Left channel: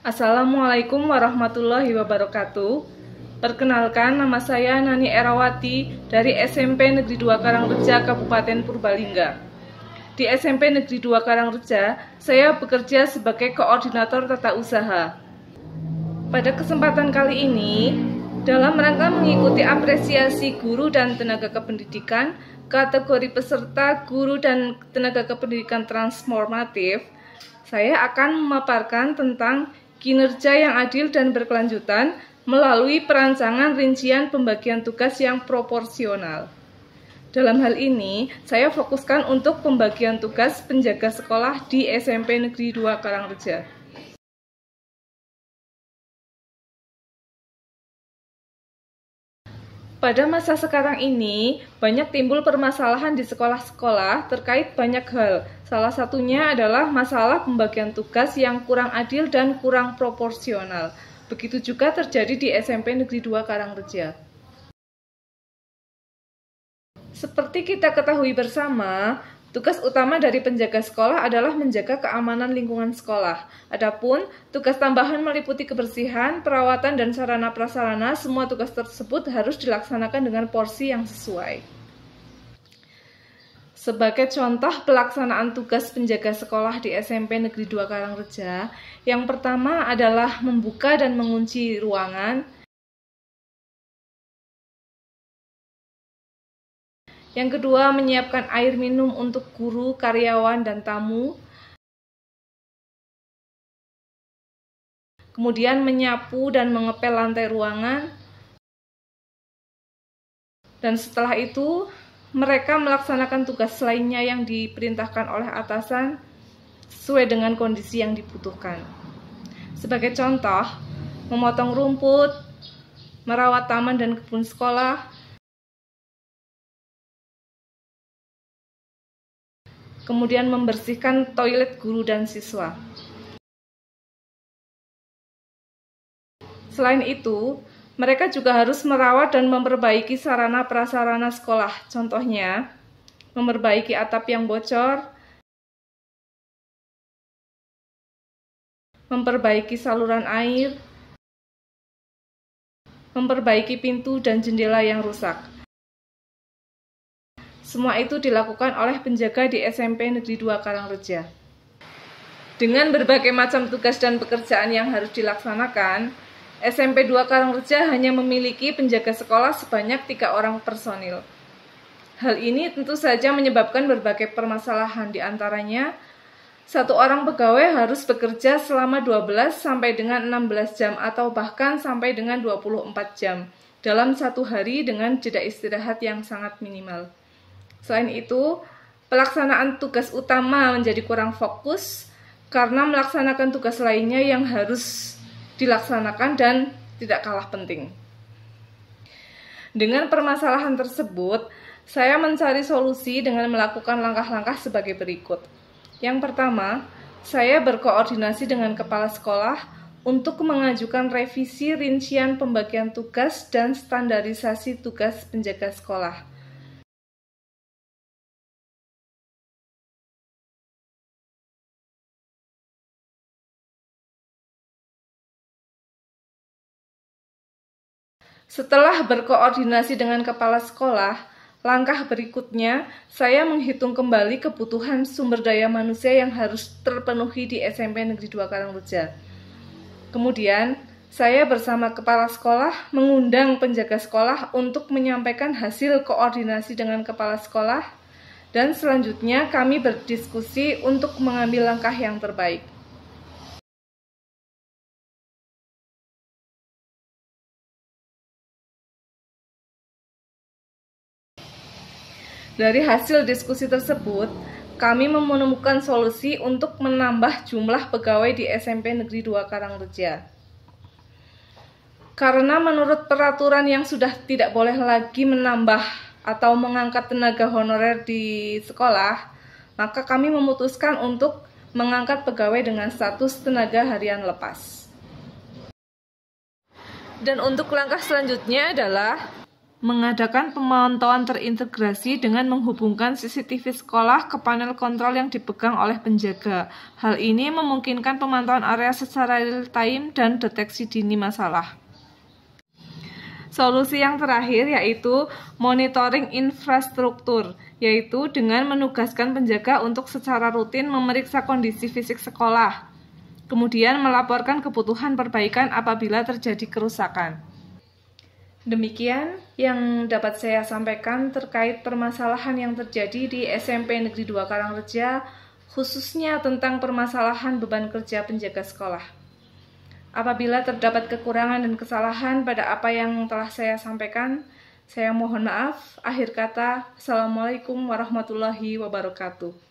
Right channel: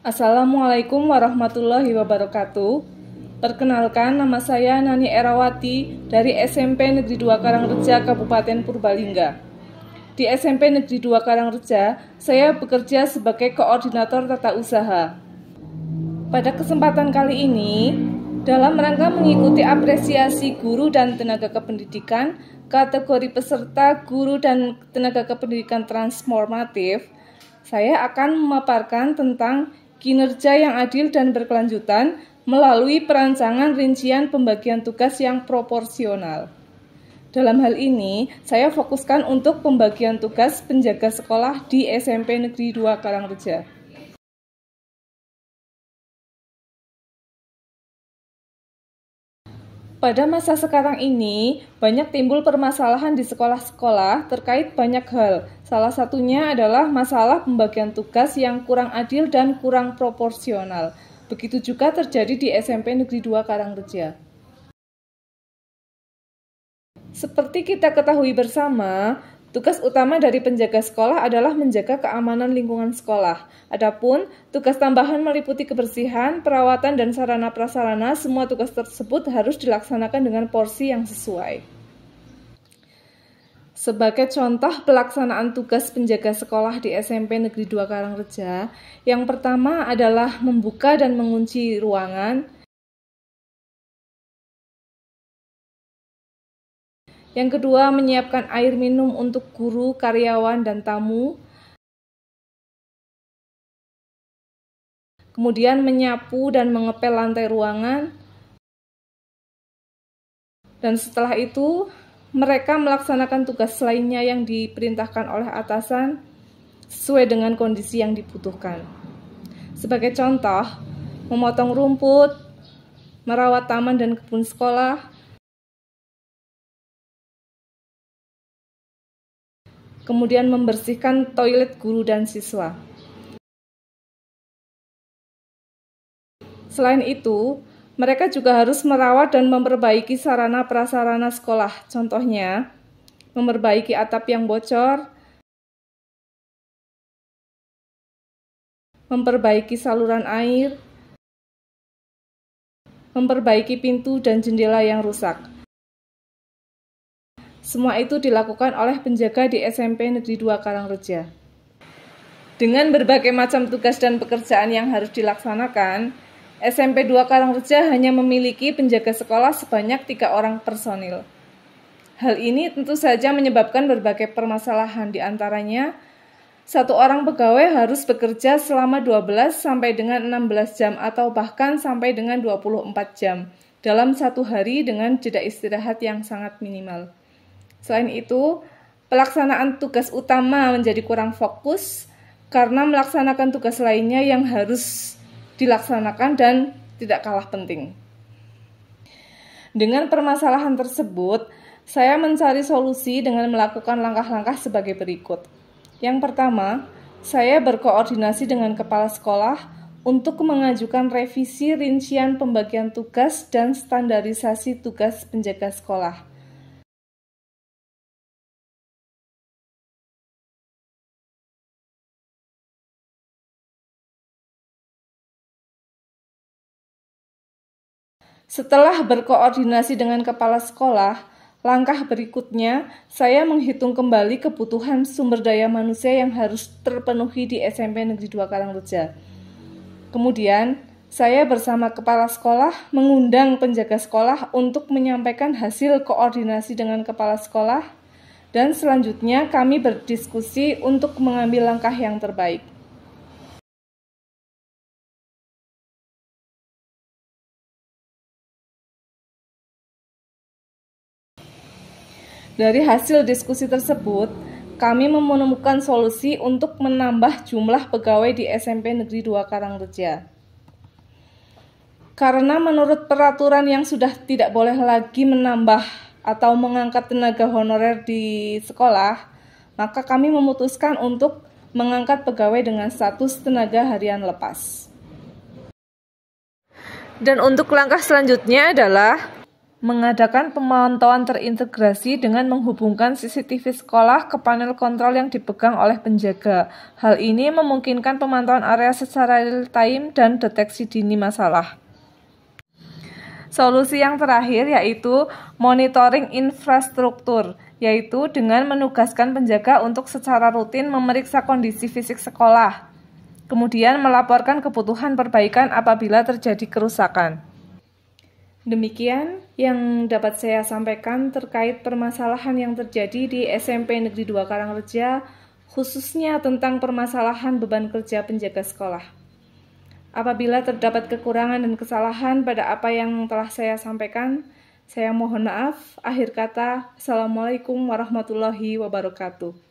Assalamualaikum warahmatullahi wabarakatuh. Perkenalkan, nama saya Nani Erawati dari SMP Negeri 2 Karangreja, Kabupaten Purbalingga. Di SMP Negeri 2 Karangreja, saya bekerja sebagai koordinator tata usaha. Pada kesempatan kali ini, dalam rangka mengikuti apresiasi guru dan tenaga kependidikan, kategori peserta guru dan tenaga kependidikan transformatif, saya akan memaparkan tentang kinerja yang adil dan berkelanjutan melalui perancangan rincian pembagian tugas yang proporsional. Dalam hal ini, saya fokuskan untuk pembagian tugas penjaga sekolah di SMP Negeri 2 Karangreja. Pada masa sekarang ini, banyak timbul permasalahan di sekolah-sekolah terkait banyak hal. Salah satunya adalah masalah pembagian tugas yang kurang adil dan kurang proporsional. Begitu juga terjadi di SMP Negeri 2 Karangreja. Seperti kita ketahui bersama, tugas utama dari penjaga sekolah adalah menjaga keamanan lingkungan sekolah. Adapun tugas tambahan meliputi kebersihan, perawatan, dan sarana prasarana. Semua tugas tersebut harus dilaksanakan dengan porsi yang sesuai. Sebagai contoh pelaksanaan tugas penjaga sekolah di SMP Negeri 2 Karangreja, yang pertama adalah membuka dan mengunci ruangan. Yang kedua, menyiapkan air minum untuk guru, karyawan, dan tamu. Kemudian menyapu dan mengepel lantai ruangan. Dan setelah itu, mereka melaksanakan tugas lainnya yang diperintahkan oleh atasan sesuai dengan kondisi yang dibutuhkan. Sebagai contoh, memotong rumput, merawat taman dan kebun sekolah, kemudian membersihkan toilet guru dan siswa. Selain itu, mereka juga harus merawat dan memperbaiki sarana prasarana sekolah. Contohnya, memperbaiki atap yang bocor, memperbaiki saluran air, memperbaiki pintu dan jendela yang rusak. Semua itu dilakukan oleh penjaga di SMP Negeri 2 Karangreja. Dengan berbagai macam tugas dan pekerjaan yang harus dilaksanakan, SMP 2 Karangreja hanya memiliki penjaga sekolah sebanyak 3 orang personil. Hal ini tentu saja menyebabkan berbagai permasalahan, di antaranya 1 orang pegawai harus bekerja selama 12 sampai dengan 16 jam atau bahkan sampai dengan 24 jam dalam 1 hari dengan jeda istirahat yang sangat minimal. Selain itu, pelaksanaan tugas utama menjadi kurang fokus karena melaksanakan tugas lainnya yang harus dilaksanakan dan tidak kalah penting. Dengan permasalahan tersebut, saya mencari solusi dengan melakukan langkah-langkah sebagai berikut. Yang pertama, saya berkoordinasi dengan kepala sekolah untuk mengajukan revisi rincian pembagian tugas dan standarisasi tugas penjaga sekolah. Setelah berkoordinasi dengan kepala sekolah, langkah berikutnya saya menghitung kembali kebutuhan sumber daya manusia yang harus terpenuhi di SMP Negeri 2 Karangreja. Kemudian, saya bersama kepala sekolah mengundang penjaga sekolah untuk menyampaikan hasil koordinasi dengan kepala sekolah, dan selanjutnya kami berdiskusi untuk mengambil langkah yang terbaik. Dari hasil diskusi tersebut, kami menemukan solusi untuk menambah jumlah pegawai di SMP Negeri 2 Karangreja. Karena menurut peraturan yang sudah tidak boleh lagi menambah atau mengangkat tenaga honorer di sekolah, maka kami memutuskan untuk mengangkat pegawai dengan status tenaga harian lepas. Dan untuk langkah selanjutnya adalah mengadakan pemantauan terintegrasi dengan menghubungkan CCTV sekolah ke panel kontrol yang dipegang oleh penjaga. Hal ini memungkinkan pemantauan area secara real-time dan deteksi dini masalah. Solusi yang terakhir yaitu monitoring infrastruktur, yaitu dengan menugaskan penjaga untuk secara rutin memeriksa kondisi fisik sekolah, kemudian melaporkan kebutuhan perbaikan apabila terjadi kerusakan. Demikian yang dapat saya sampaikan terkait permasalahan yang terjadi di SMP Negeri 2 Karangreja, khususnya tentang permasalahan beban kerja penjaga sekolah. Apabila terdapat kekurangan dan kesalahan pada apa yang telah saya sampaikan, saya mohon maaf. Akhir kata, Assalamualaikum warahmatullahi wabarakatuh.